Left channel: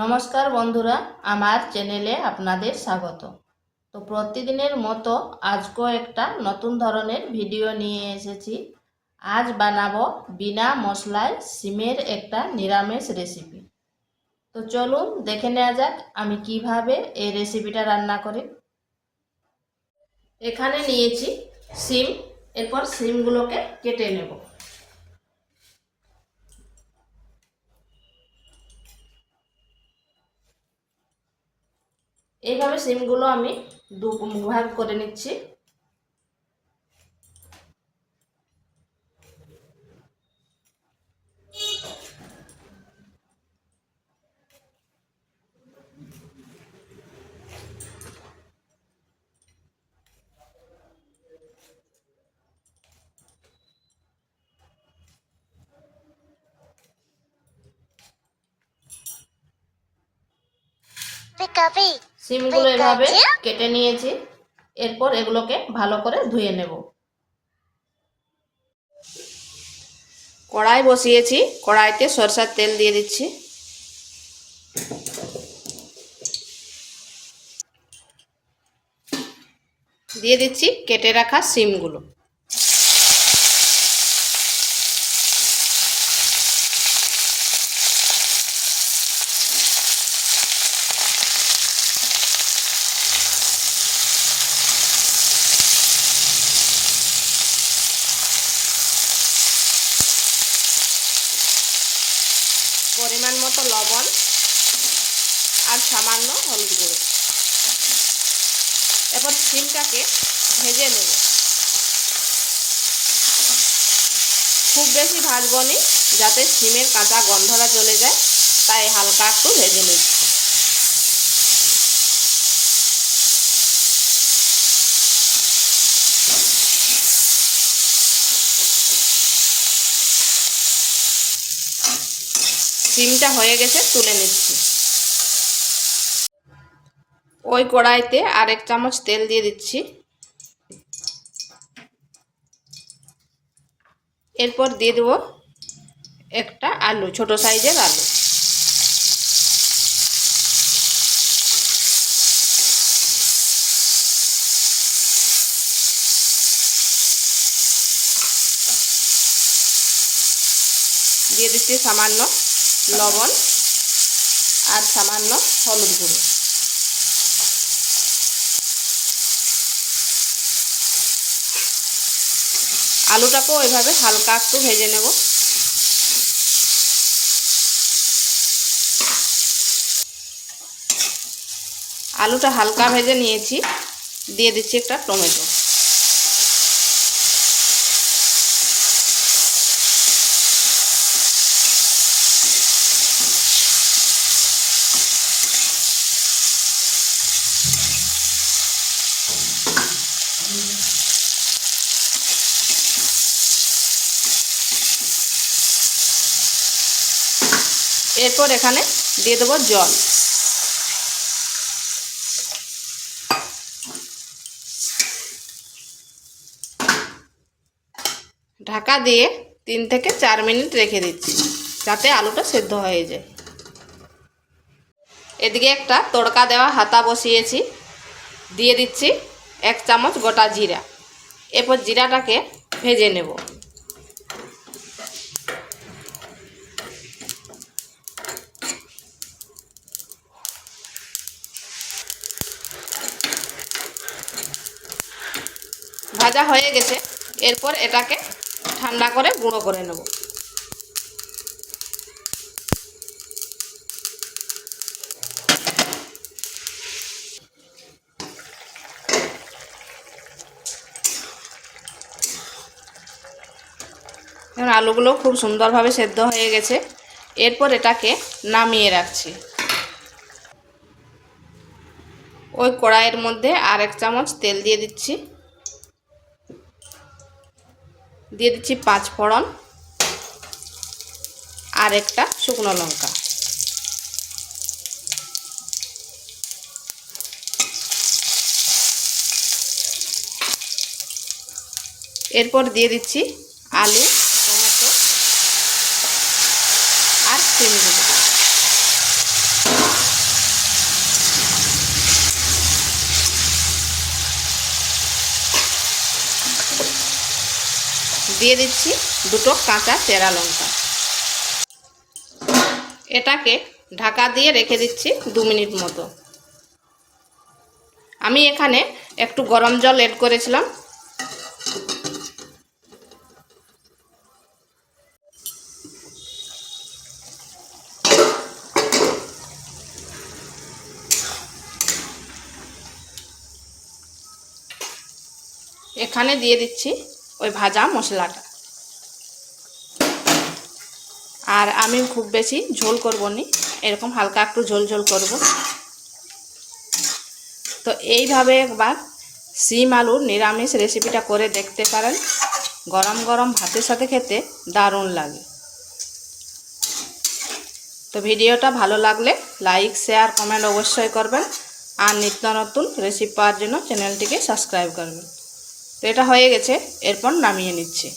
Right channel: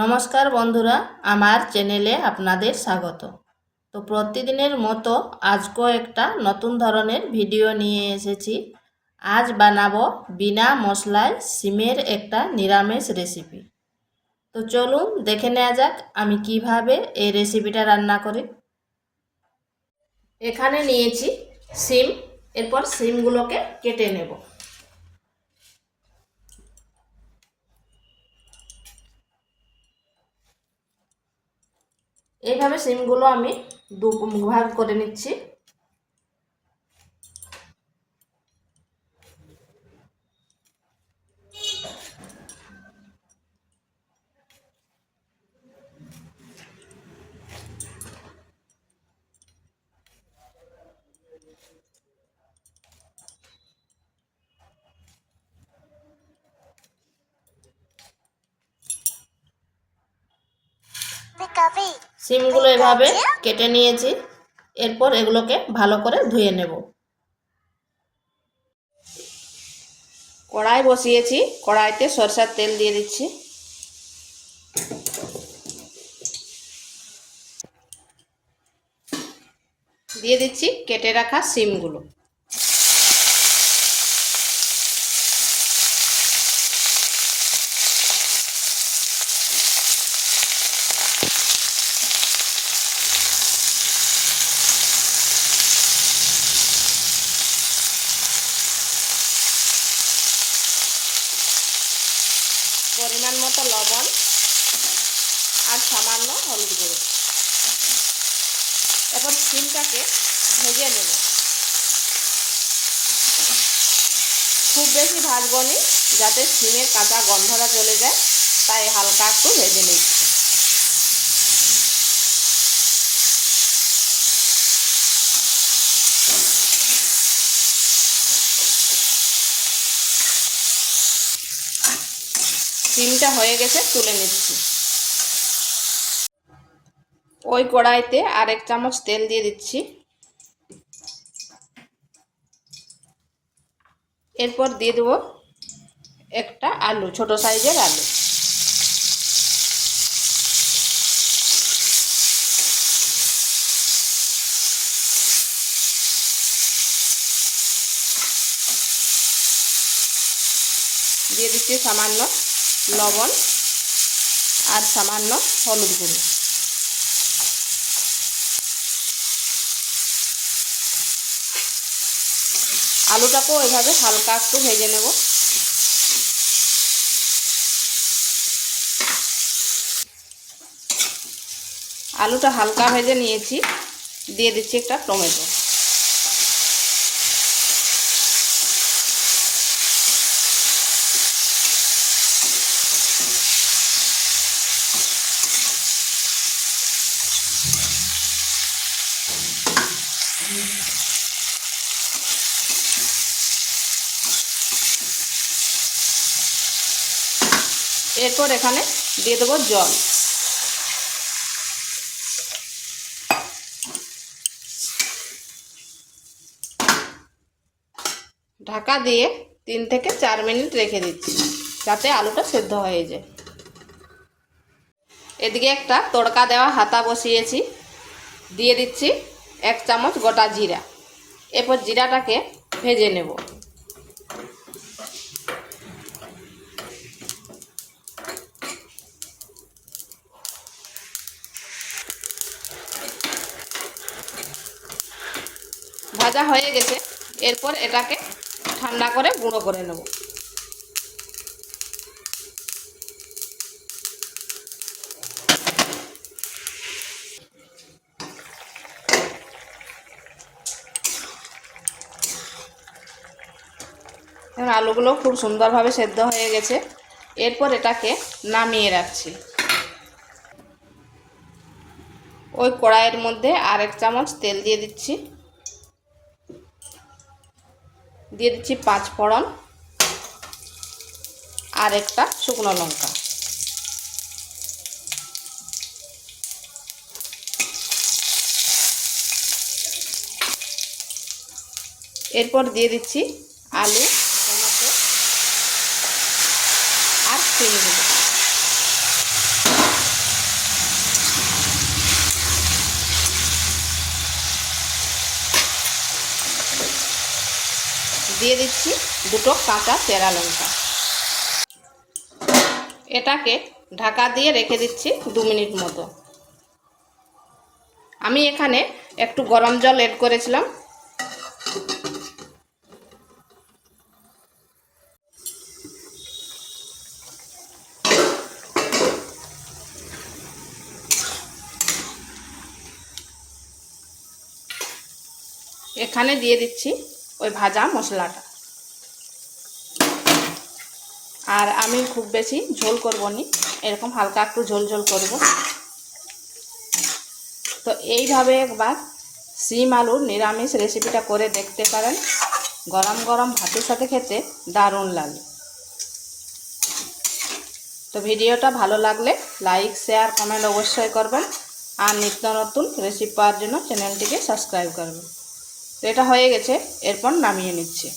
নমস্কার বন্ধুরা, আমার চ্যানেলে আপনাদের স্বাগত। তো প্রতিদিনের মতো আজকেও একটা নতুন ধরনের ভিডিও নিয়ে এসেছি। আজ বানাবো বিনা মশলায় সিমের একটা নিরামিষ রেসিপি। তো চলুন দেখে নেওয়া যাক আমি কিভাবে এই রেসিপিটা রান্না করি। এখানে নিয়েছি সিম, এরপর সিমগুলোকে কেটে নেব। এইভাবে সিমগুলো আমি দু ভাগ করে নিচ্ছি। সিমগুলো এভাবে কেটে নিয়েছি, এরপর এগুলোকে ভালো করে ধুয়ে নেব। কড়াই বসিয়েছি, কড়াইতে সরষের তেল দিয়ে দিচ্ছি। দিয়ে দিচ্ছি কেটে রাখা সিমগুলো। পরিমাণ মতো লবণ আর সামান্য হলুদ গুঁড়ো। এরপর সিমটাকে ভেজে নেব। খুব বেশি ভাজবো না, যাতে সিমের কাঁচা গন্ধটা চলে যায়, তাই হালকা একটু ভেজে নিচ্ছি। সিমটা হয়ে গেছে, তুলে নিচ্ছি। ওই কড়াইতে আর 1 চামচ তেল দিয়ে দিচ্ছি। এরপর দিয়ে দেবো একটা আলু, ছোট সাইজের আলু। দিয়ে দিচ্ছি সামান্য লবণ আর সামান্য হলুদ গুঁড়ো। আলুটাকেও এভাবে হালকা একটু ভেজে নেব। আলুটা হালকা ভেজে নিয়েছি, দিয়ে দিচ্ছি একটা টমেটো। এরপর এখানে দিয়ে দেবো জল। ঢাকা দিয়ে 3 থেকে 4 মিনিট রেখে দিচ্ছি, যাতে আলুটা সেদ্ধ হয়ে যায়। এদিকে একটা তড়কা দেওয়া হাতা বসিয়েছি, দিয়ে দিচ্ছি 1 চামচ গোটা জিরা। এরপর জিরাটাকে ভেজে নেব। ভাজা হয়ে গেছে, এরপর এটাকে ঠান্ডা করে গুঁড়ো করে নেব। এখন আলুগুলো খুব সুন্দরভাবে সেদ্ধ হয়ে গেছে, এরপর এটাকে নামিয়ে রাখছি। ওই কড়াইয়ের মধ্যে আর 1 চামচ তেল দিয়ে দিচ্ছি। দিয়ে দিচ্ছি 5 ফোড়ন আর একটা শুকনো লঙ্কা। এরপর দিয়ে দিচ্ছি আলু, টমেটো আর সিমগুলো। দিয়ে দিচ্ছি দুটো কাঁচা চেরা লঙ্কা। এটাকে ঢাকা দিয়ে রেখে দিচ্ছি 2 মিনিট মতো। আমি এখানে একটু গরম জল এড করেছিলাম। এখানে দিয়ে দিচ্ছি ওই ভাজা মশলাটা। আর আমি খুব বেশি ঝোল করব না, এরকম হালকা একটু ঝোল ঝোল করব। তো এইভাবে একবার শিম আলুর নিরামিষ রেসিপিটা করে দেখতে পারেন। গরম গরম ভাতের সাথে খেতে দারুণ লাগে। তো ভিডিওটা ভালো লাগলে লাইক শেয়ার কমেন্ট অবশ্যই করবেন। আর নিত্য নতুন রেসিপি পাওয়ার জন্য চ্যানেলটিকে সাবস্ক্রাইব করবেন। তো এটা হয়ে গেছে, এরপর নামিয়ে নিচ্ছি।